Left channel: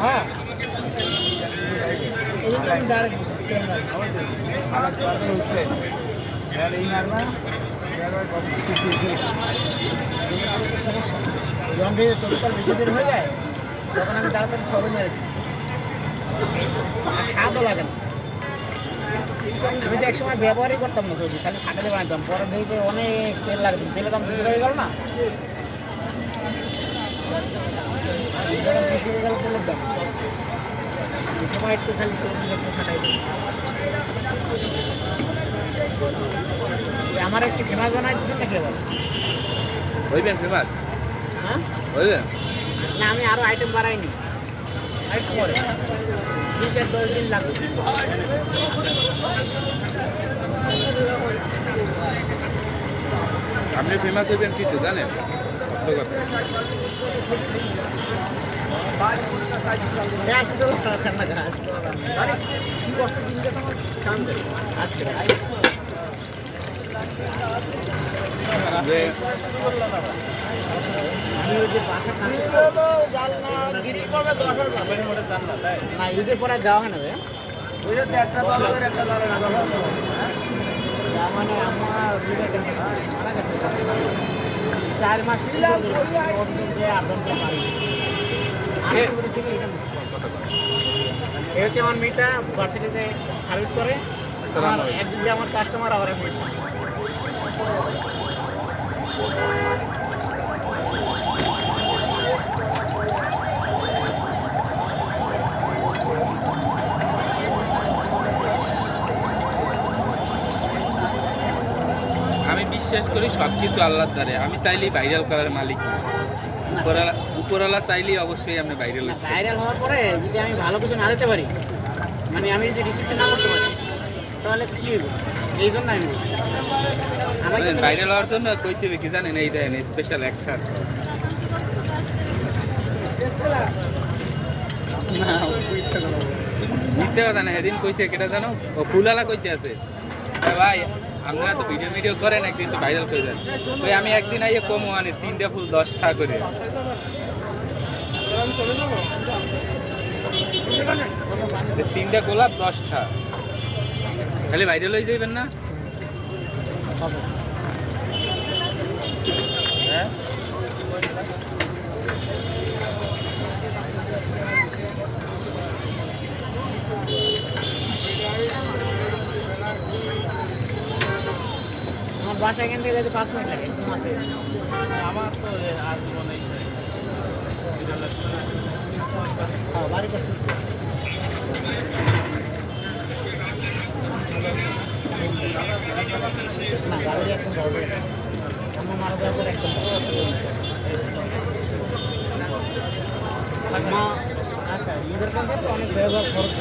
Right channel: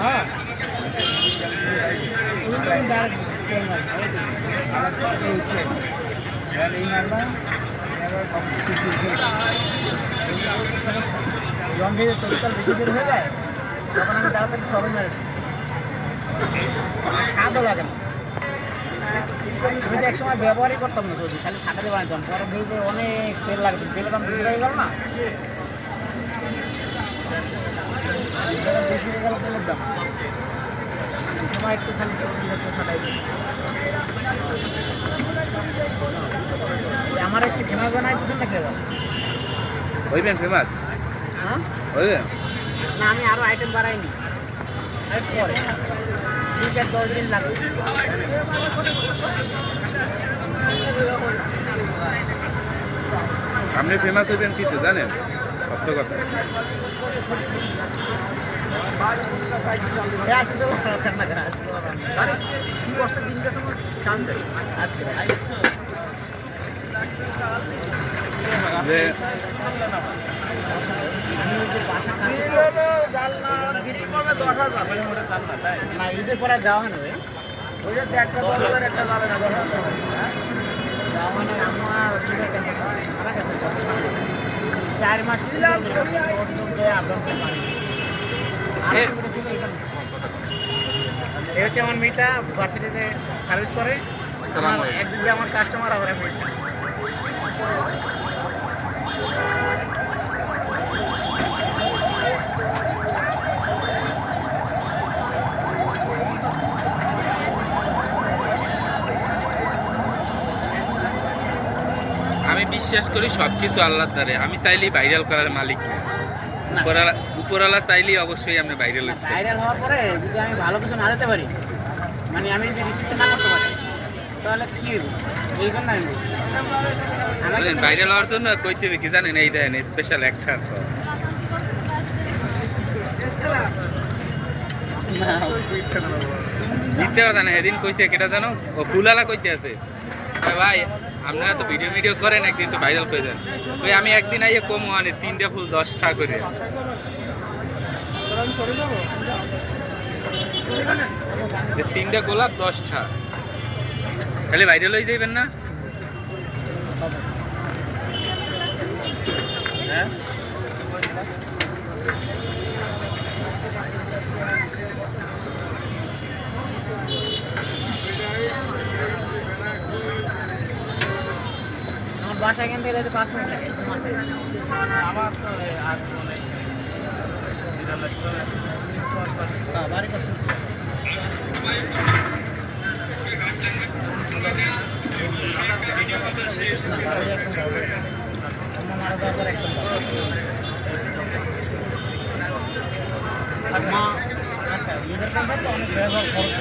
হ্যাঁ এই মারবা যখন ভেবে চল্লিশকাল বেশি দেরি হয়ে যায় তখন আমি তাড়াতাড়ি সবে মেরে দিই। স্বাদও লাগে না। আমি তো একসময় ব্যবহারই করতাম না সবজি, খালি ছাটাতে বানাতাম। পরে ভেবে অনেক তেল লাগতো, তেলের দাম বেশি হয়ে গেল না, বেশি হয়ে গেল তেলের দাম। এই সময় একটু খালি সবজি একটু ছাটাই দিই। আমার একটু ফেমাস বানাই দিচ্ছেন না খেয়ে হইবেন ফেমাস? হ্যাঁ হইবেন না, আমি আরও আইটেম বাড়াইনি, একটু পরে 2-10 দিন লাগবে। আপনি ফেমাস হইবেন কিন্তু জানেন কথা যে ঈদের পরে যাওয়া হয় না ভাই, একটা 10,000 একটা যাবে না, 10,000 যাওয়া হয় না। আমার মারা গেছে 4 মাস এই হচ্ছে আমার মেয়েটা ভার্সিটিতে সার্ভিস করে। আমার একদিন যে আমার কাস্টমার, আবার আমি বিশ্বাস করি সবকিছু আল্লাহর দ্বারে। আমি চাইলেই ভাইরাল করার মালিক না। উপরওয়ালা চাইলেই অবশ্যই আপনি ভাইরাল হতে পারেন। ভাইরাল হওয়ার পরে যদি আমি ভালো কিছু না দিতে পারি, মানে আমি যদি রিসিপ্ট না করতে পারি, তাহলে কি হইব? এই জন্য আমি জানেন ভাইরাল হওয়ার জন্য কইতে হবে কি জানেন, এই দেন স্পেশাল অ্যাক্টর সব মিথ্যে কথা না। সেদিন কইছে কেটা জানো, ও ফুলালা কইতে আছে, ভাই আপনারা তো ভিডিও করেন, একদিন তো ভাইরাল করে দেন। ওই আমি একদিন আইয়ে কম মানে 3টা ফুল 10 টাকা করে, 3টা গোলাপ 10 টাকা। খালি ভাইরাল হয়ে যাইবেন না। হ্যাঁ আমার বাসা এখান থেকে যেতে 5 মিনিট লাগে। বাড়ি করতে না, বাড়ি একদম ভালো। আমার মারা যাওয়ার পর একদম মা আচ্ছা, নিজের কাছে তো অনেক ব্যবহার খরচ